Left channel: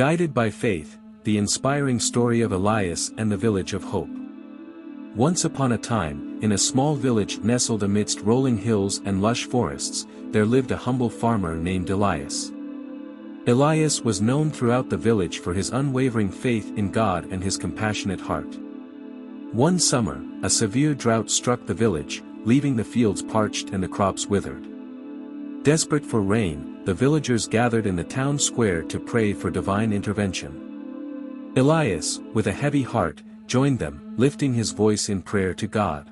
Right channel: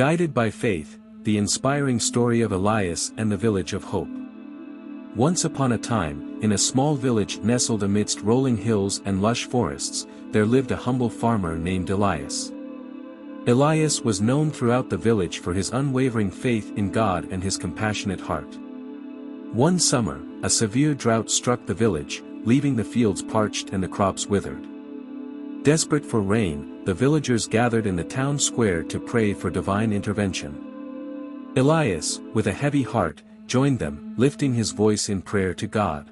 Guided by faith, the inspiring story of Elias and the village of hope. Once upon a time, in a small village nestled amidst rolling hills and lush forests, there lived a humble farmer named Elias. Elias was known throughout the village for his unwavering faith in God and his compassionate heart. One summer, a severe drought struck the village, leaving the fields parched and the crops withered. Desperate for rain, the villagers gathered in the town square to pray for divine intervention. Elias, with a heavy heart, joined them, lifting his voice in prayer to God.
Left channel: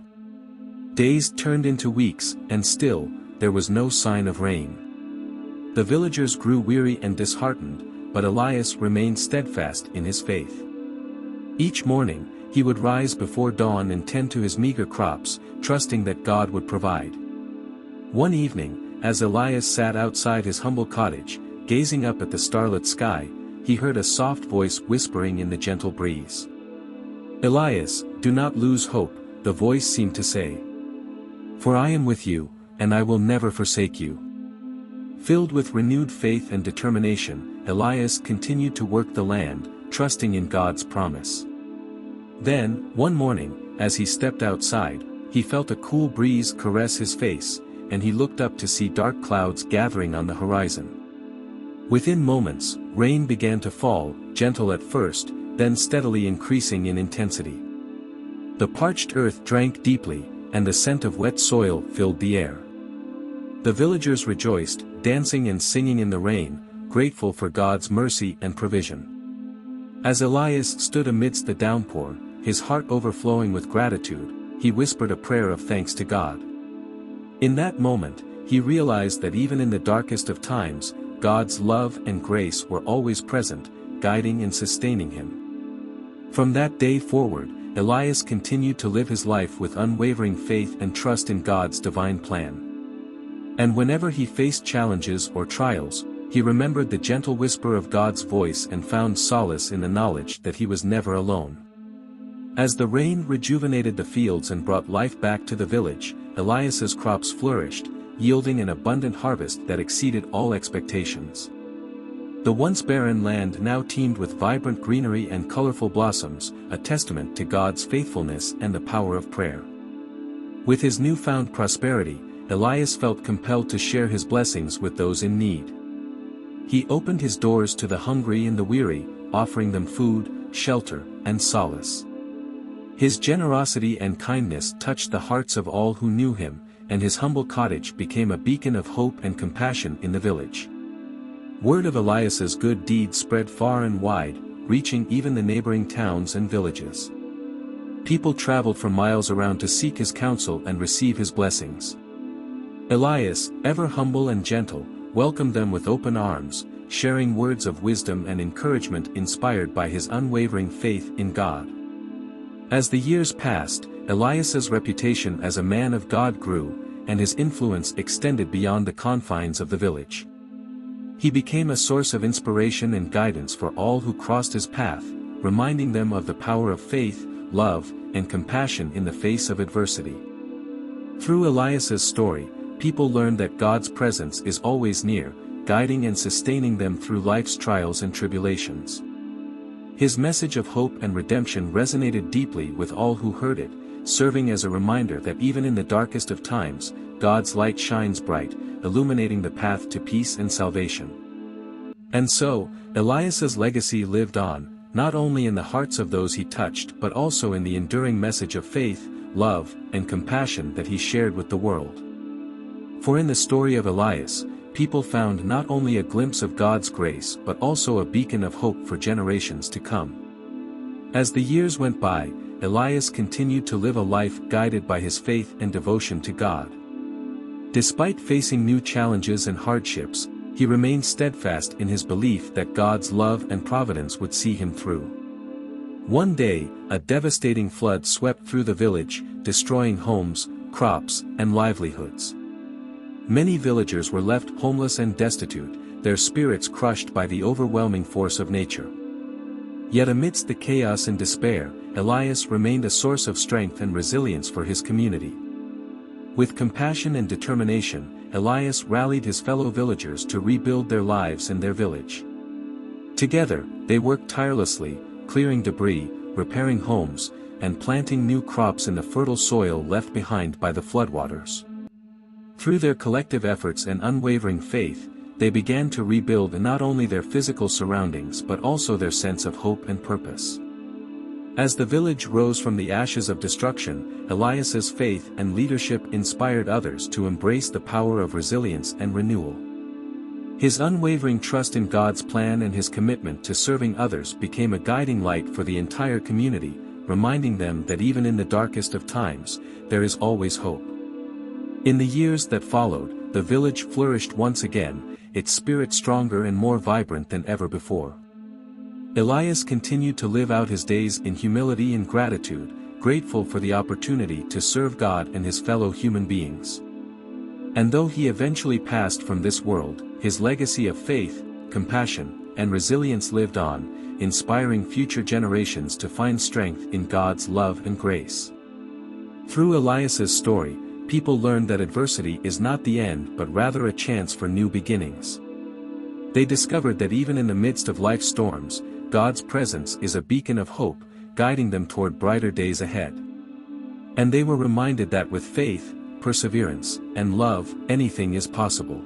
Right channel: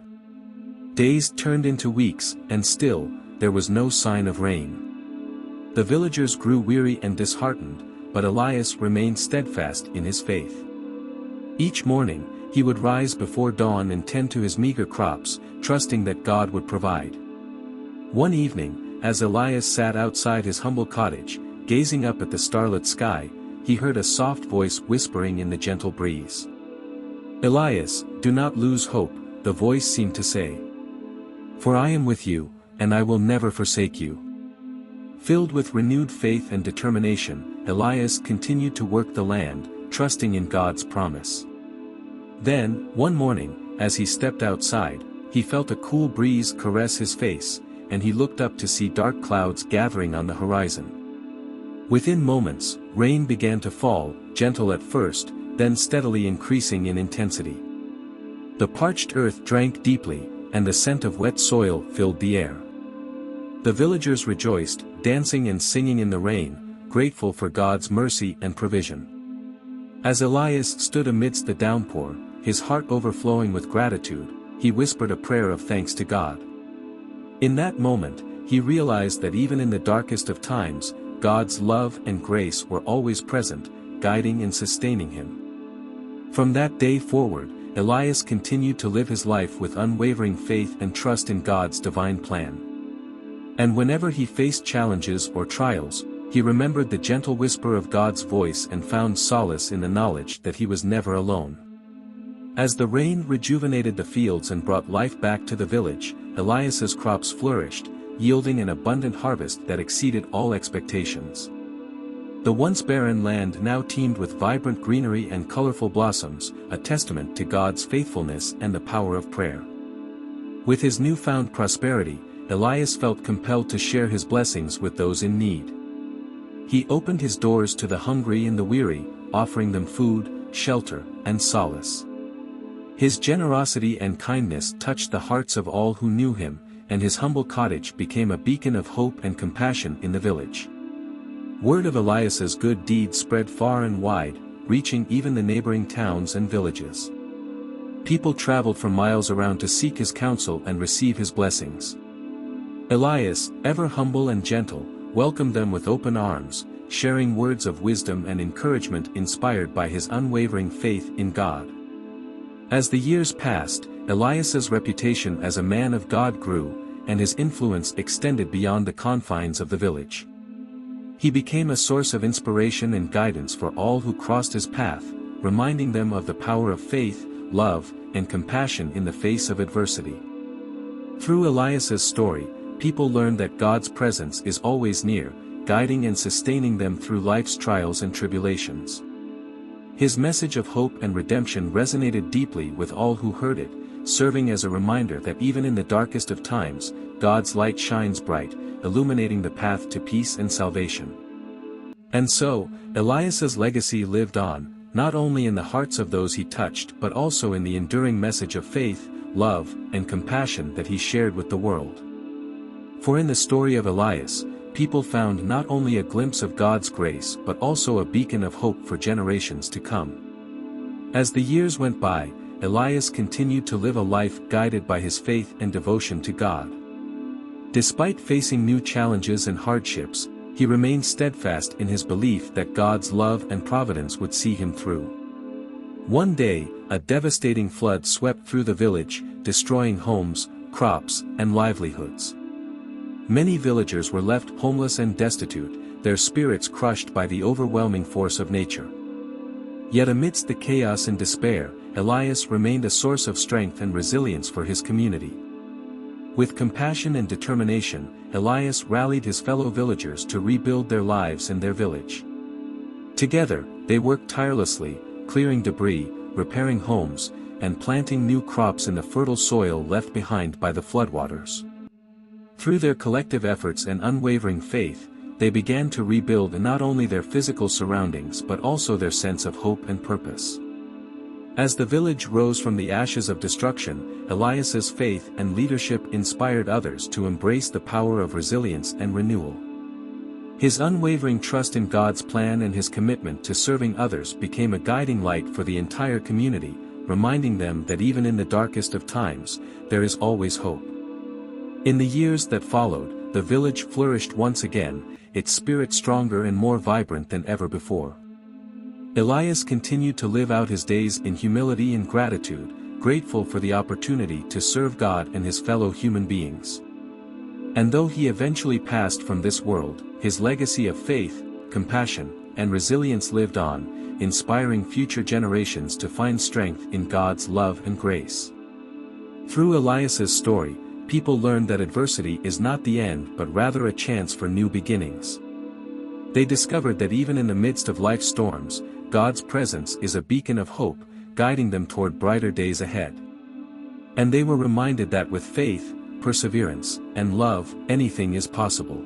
Days turned into weeks, and still, there was no sign of rain. The villagers grew weary and disheartened, but Elias remained steadfast in his faith. Each morning, he would rise before dawn and tend to his meager crops, trusting that God would provide. One evening, as Elias sat outside his humble cottage, gazing up at the starlit sky, he heard a soft voice whispering in the gentle breeze. "Elias, do not lose hope," the voice seemed to say. "For I am with you, and I will never forsake you." Filled with renewed faith and determination, Elias continued to work the land, trusting in God's promise. Then, one morning, as he stepped outside, he felt a cool breeze caress his face, and he looked up to see dark clouds gathering on the horizon. Within moments, rain began to fall, gentle at first, then steadily increasing in intensity. The parched earth drank deeply, and the scent of wet soil filled the air. The villagers rejoiced, dancing and singing in the rain, grateful for God's mercy and provision. As Elias stood amidst the downpour, his heart overflowing with gratitude, he whispered a prayer of thanks to God. In that moment, he realized that even in the darkest of times, God's love and grace were always present, guiding and sustaining him. From that day forward, Elias continued to live his life with unwavering faith and trust in God's divine plan. And whenever he faced challenges or trials, he remembered the gentle whisper of God's voice and found solace in the knowledge that he was never alone. As the rain rejuvenated the fields and brought life back to the village, Elias's crops flourished, yielding an abundant harvest that exceeded all expectations. The once barren land now teemed with vibrant greenery and colorful blossoms, a testament to God's faithfulness and the power of prayer. With his newfound prosperity, Elias felt compelled to share his blessings with those in need. He opened his doors to the hungry and the weary, offering them food, shelter, and solace. His generosity and kindness touched the hearts of all who knew him, and his humble cottage became a beacon of hope and compassion in the village. Word of Elias's good deeds spread far and wide, reaching even the neighboring towns and villages. People traveled for miles around to seek his counsel and receive his blessings. Elias, ever humble and gentle, welcomed them with open arms, sharing words of wisdom and encouragement inspired by his unwavering faith in God. As the years passed, Elias's reputation as a man of God grew, and his influence extended beyond the confines of the village. He became a source of inspiration and guidance for all who crossed his path, reminding them of the power of faith, love, and compassion in the face of adversity. Through Elias's story, people learned that God's presence is always near, guiding and sustaining them through life's trials and tribulations. His message of hope and redemption resonated deeply with all who heard it, serving as a reminder that even in the darkest of times, God's light shines bright, illuminating the path to peace and salvation. And so, Elias's legacy lived on, not only in the hearts of those he touched but also in the enduring message of faith, love, and compassion that he shared with the world. For in the story of Elias, people found not only a glimpse of God's grace but also a beacon of hope for generations to come. As the years went by, Elias continued to live a life guided by his faith and devotion to God. Despite facing new challenges and hardships, he remained steadfast in his belief that God's love and providence would see him through. One day, a devastating flood swept through the village, destroying homes, crops, and livelihoods. Many villagers were left homeless and destitute, their spirits crushed by the overwhelming force of nature. Yet amidst the chaos and despair, Elias remained a source of strength and resilience for his community. With compassion and determination, Elias rallied his fellow villagers to rebuild their lives and their village. Together, they worked tirelessly, clearing debris, repairing homes, and planting new crops in the fertile soil left behind by the floodwaters. Through their collective efforts and unwavering faith, they began to rebuild not only their physical surroundings but also their sense of hope and purpose. As the village rose from the ashes of destruction, Elias's faith and leadership inspired others to embrace the power of resilience and renewal. His unwavering trust in God's plan and his commitment to serving others became a guiding light for the entire community, reminding them that even in the darkest of times, there is always hope. In the years that followed, the village flourished once again, its spirit stronger and more vibrant than ever before. Elias continued to live out his days in humility and gratitude, grateful for the opportunity to serve God and his fellow human beings. And though he eventually passed from this world, his legacy of faith, compassion, and resilience lived on, inspiring future generations to find strength in God's love and grace. Through Elias's story, people learned that adversity is not the end but rather a chance for new beginnings. They discovered that even in the midst of life's storms, God's presence is a beacon of hope, guiding them toward brighter days ahead. And they were reminded that with faith, perseverance, and love, anything is possible.